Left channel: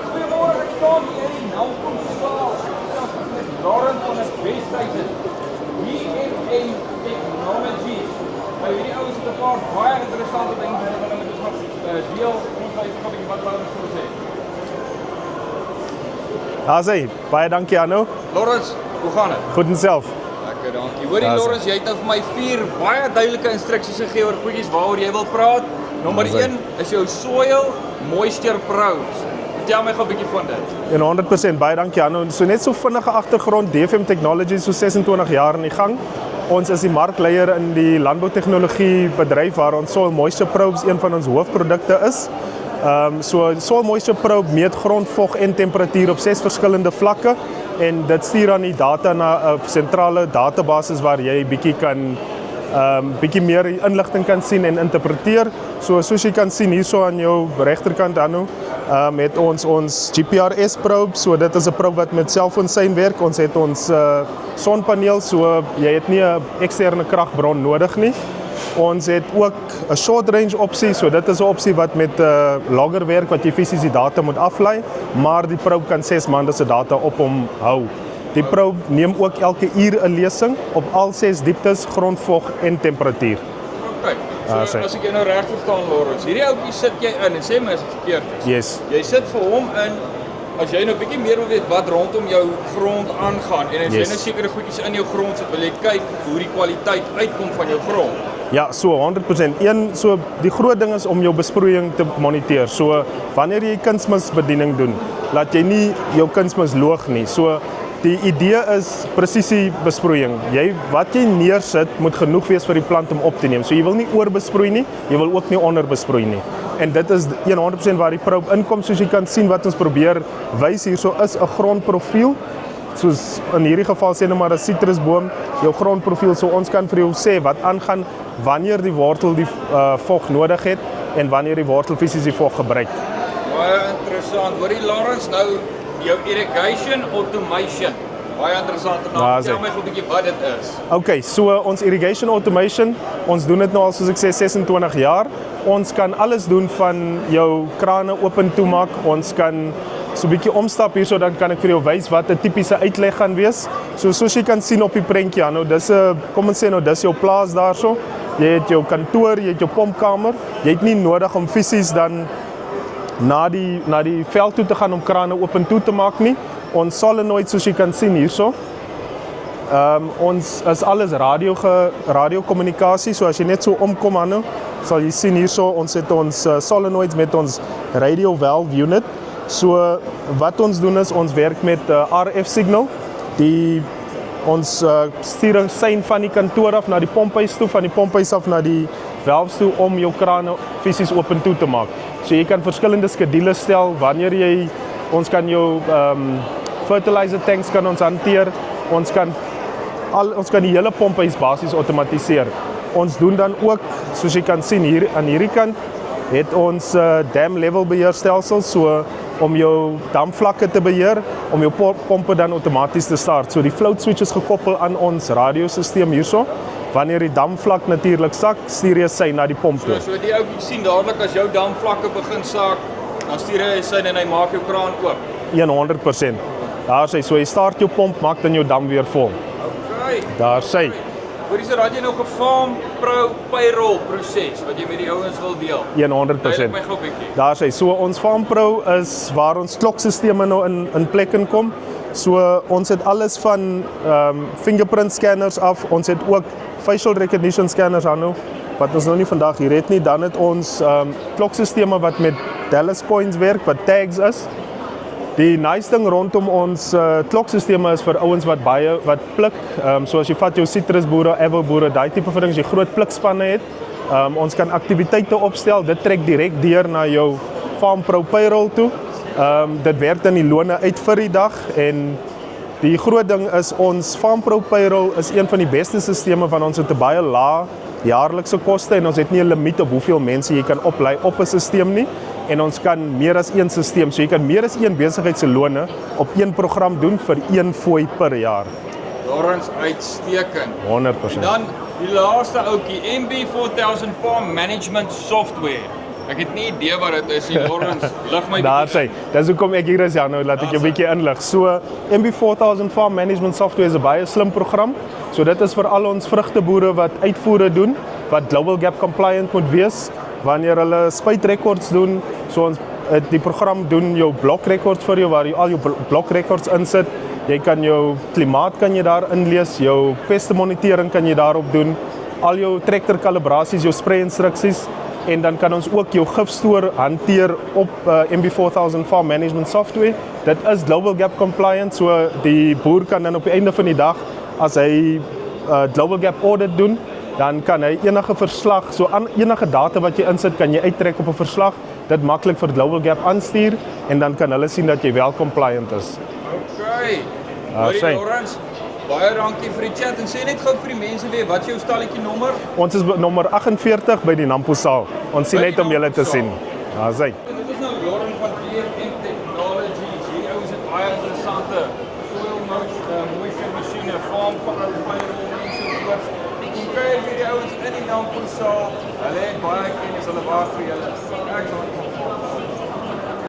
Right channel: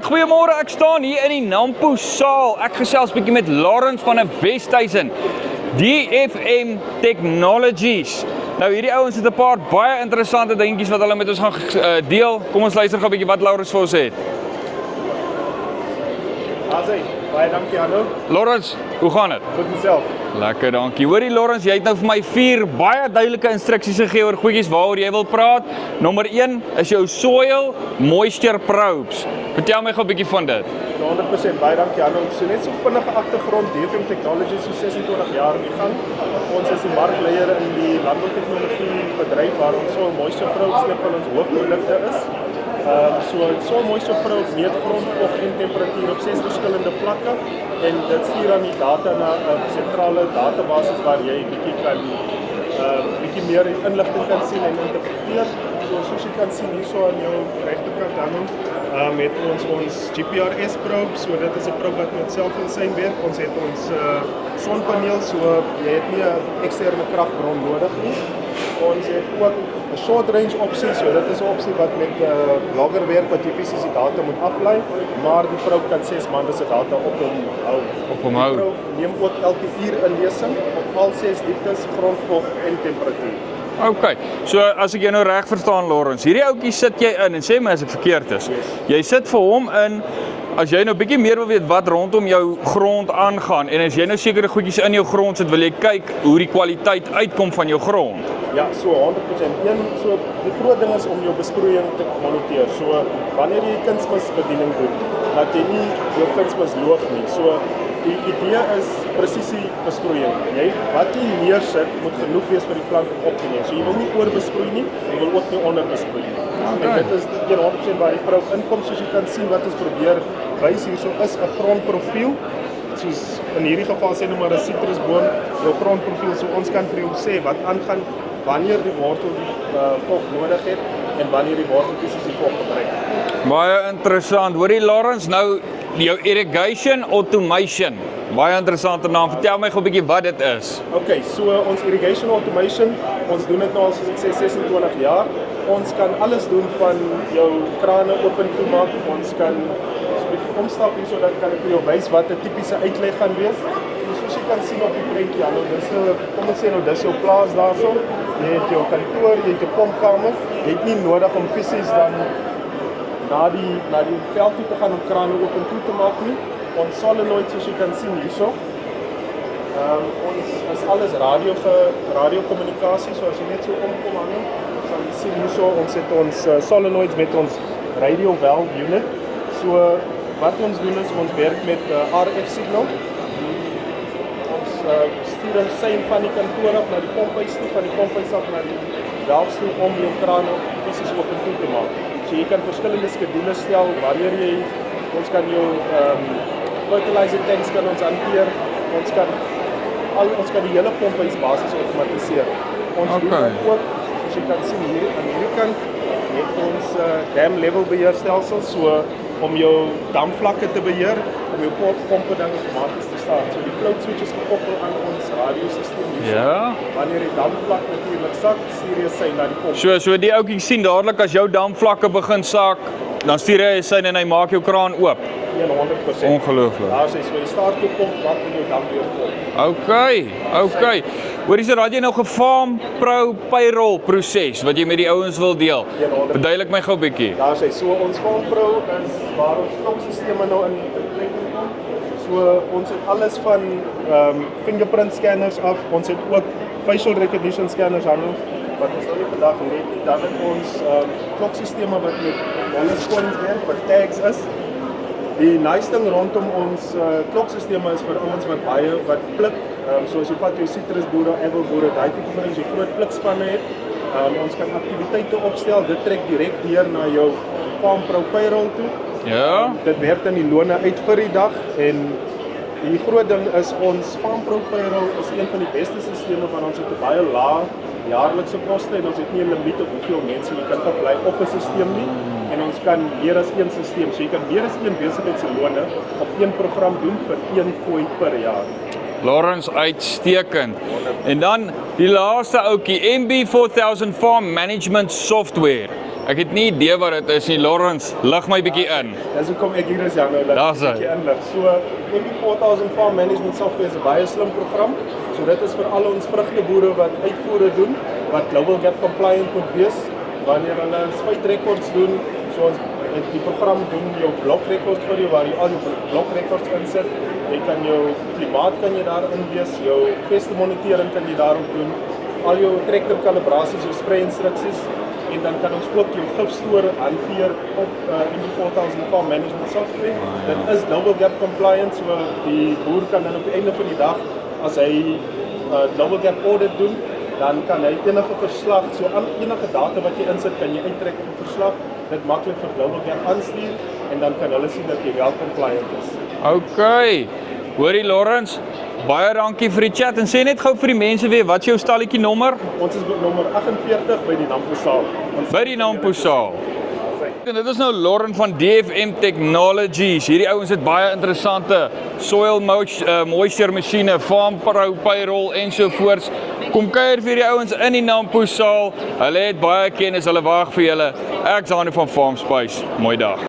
Alright, goeiemôre, ek staan hier in die Nampo saal. Ek gesels bietjie met Lawrence van 'n Westhuizen, DFM Technologies. Nou hierdie ouens het 'n paar baie interessante dingetjies wat hulle met ons gaan deel. Kom ons luister gou 'n bietjie wat Lawrence vir ons het. Haai, baie dankie Arno. Lawrence, hoe gaan dit? Goed en self. Lekker, dankie. Hoorie Lawrence, jy het nou vir my 4 baie duidelike instruksies gegee oor goedjies waaroor jy wil praat. Nommer 1 is jou soil moisture probes. Vertel my gou 'n bietjie van dit. En 100% baie dankie Arno. So net so vinnige agtergrond, DFM Technologies so 26 jaar in die gang. Ons is die markleier in die landboutegnologie bedryf waar ons soil moisture probes een van ons hoofprodukte is. So soil moisture probe meet grondvog en temperatuur op 6 verskillende vlakke en dit stuur dan die data na 'n sentrale database waar jy bietjie meer inligting kan sien en interpreteer. So soos jy kan sien hierso aan jou regterkant dan met ons GPRS probe. So dit is 'n probe wat met selfoonsein werk. Ons het ons sonpaneel, so jy het nie 'n eksterne kragbron nodig nie. Ons het ook 'n short range opsie, so dit is 'n opsie wat met langer werk wat jy fisies die data moet aflei, maar die probe kan 6 maande se data op hom hou. Die probe neem ook elke uur 'n lesing op al 6 dieptes, grondvog en temperatuur. Okay. So as ek jou nou reg verstaan Lawrence, hierdie ouetjie sit jy in en sê my as ek verkeerd is. Yes. Jy sit vir hom in as jy nou bietjie meer wil weet wat rondom jou grond aangaan en as jy nou sekere goedjies in jou grond sit, wil jy kyk hoe die kwaliteit uitkom van jou grond. Ja, so 100%. So die groot ding is om jou besproeiing te moniteer. So wanneer jy kunsmisbediening doen, laat jy nie jou kunsmis loog nie. So die idee is presisie besproeiing. Wat jy neersit moet genoeg wees vir die plant om op te neem. So jy wil nie oorbesproei nie, jy wil ook nie onderbesproei nie. En dit is 100% waar die probe inkom, soos jy kan sien wat ons probeer wys hierso is 'n grondprofiel. Soos in hierdie geval sê nou maar 'n sitrusboom, jou grondprofiel, so ons kan vir jou sê wat aangaan wanneer die wortel die vog nodig het en wanneer die wortel fisies die vog gebruik. Baie interessant. Hoorie Lawrence, nou jou irrigation automation. Baie interessante naam. Vertel my gou 'n bietjie wat dit is. Okay, so ons irrigation automation, ons doen dit nou al soos ek sê 26 jaar. Ons kan alles doen van jou krane oop en toe maak. Ons kan so 'n bietjie omstap hierso, dan kan ek vir jou wys wat 'n tipiese uitleg gaan wees. So soos jy kan sien op die prentjie, nou dis 'n kom ons sê nou dis jou plaas daarso. Jy het jou kantoor, jy het jou pompkamer. Jy het nie nodig om fisies dan na die veld toe te gaan om krane oop en toe te maak nie. Ons solenoid soos jy kan sien hierso. Ons is alles radiokommunikasie, so as jy net so omkom aan sal jy sien hierso ons het ons solenoids met ons radio valve unit. So wat ons doen is ons werk met RF signal. Ons stuur 'n sein van die kantoor af na die pomphuis toe, van die pomphuis af na die valves toe om jou krane fisies oop en toe te maak. So jy kan verskillende skedules stel wanneer ons kan jou fertilizer tanks kan ons hanteer. Ons kan die hele pomphuis basies outomatiseer. Ons doen dan ook, soos jy kan sien hier aan hierdie kant, het ons dam level beheerstelsel, so om jou damvlakke te beheer, om jou pompe dan outomaties te start. So die float switch is gekoppel aan ons radiosisteem hierso. Ja. Wanneer die damvlak natuurlik sak, stuur jy sy na die pomp. So die ouetjie sien dadelik as jou damvlakke begin sak, dan stuur hy sy en hy maak jou kraan oop. 100%. Ongelooflik. Daar sê, so jy start jou pomp, maak dan jou dam weer vol. Okay. Hoorie so raad jy nou gefarm pro payroll proses wat jy met die ouens wil deel. 100%. Verduidelik my gou 'n bietjie. Daar sê, so ons Farm Pro is waar ons klokstelsels nou in plek kom. So ons het alles van fingerprint scanners af. Ons het ook facial recognition scanners aan wat ons nou nie vandag hier het nie. Dan het ons klokstelsels wat met Dallas coins werk, wat tags is. Die nice ding rondom ons klokstelsels is vir ouens wat pluk. So as jy vat jou sitrusboere, apelboere, daai tipe van ding, as jy groot plukspanne het, ons kan aktiwiteite opstel. Dit trek direk deur na jou Farm Pro payroll toe. Ja. Dit werk dan die lone uit vir die dag en die groot ding is ons Farm Pro payroll is een van die beste sisteme van ons het 'n baie lae jaarlikse koste en ons het nie 'n limiet op hoeveel mense jy kan oplei op 'n stelsel nie. En ons kan meer as een stelsel, so jy kan meer as een besigheid se lone op een program doen vir een fooi per jaar. Lawrence, uitstekend. 100%. En dan die laaste ouetjie, MB4000 Farm Management Software. Ek het nie idee wat dit is nie. Lawrence, lig my Daar bietjie sê, in. dis hoekom ek hier is Jano, laat ek Daar jou sê. bietjie inlig. So MB4000 Farm Management Software is 'n baie slim program. So dit is vir al ons vrugteboere wat uitvoere doen, wat Global Gap compliant moet wees wanneer hulle spuitrekords doen. So ons die program doen jou blokrekords vir jou waar jy al jou blokrekords insit. Jy kan jou klimaat kan jy daar inlees, jou peste monitering kan jy daarop doen, al jou trekker kalibrasies, jou spray instruksies en dan kan ons ook jou gifstoor hanteer op MB4000 Farm Management Software. Dit is Global Gap compliant, so die boer kan dan op die einde van die dag as hy Global Gap audit doen, dan kan hy enige verslag, so aan enige data wat jy insit, kan jy uittrek op 'n verslag, dit maklik vir Global Gap aanstuur en dan kan hulle sien dat jy wel compliant is. Okay. Hoorie sê. Lawrence, baie dankie vir die chat en sê net gou vir die mense weer, wat is jou stalletjie nommer? Ons is nommer 48 by die Nampo saal. Ons sien By net die om julle Nampo te saal. sien. Daar sê. Dit is nou Lawrence van DFM Technologies. Hierdie ouens het baie interessante soil moisture masjiene, farm payroll en so voorts. Kom kuier vir die ouens in die Nampo saal. Hulle het baie kennis, hulle wag vir julle. Ek's Arno van Farm Space. Mooi dag.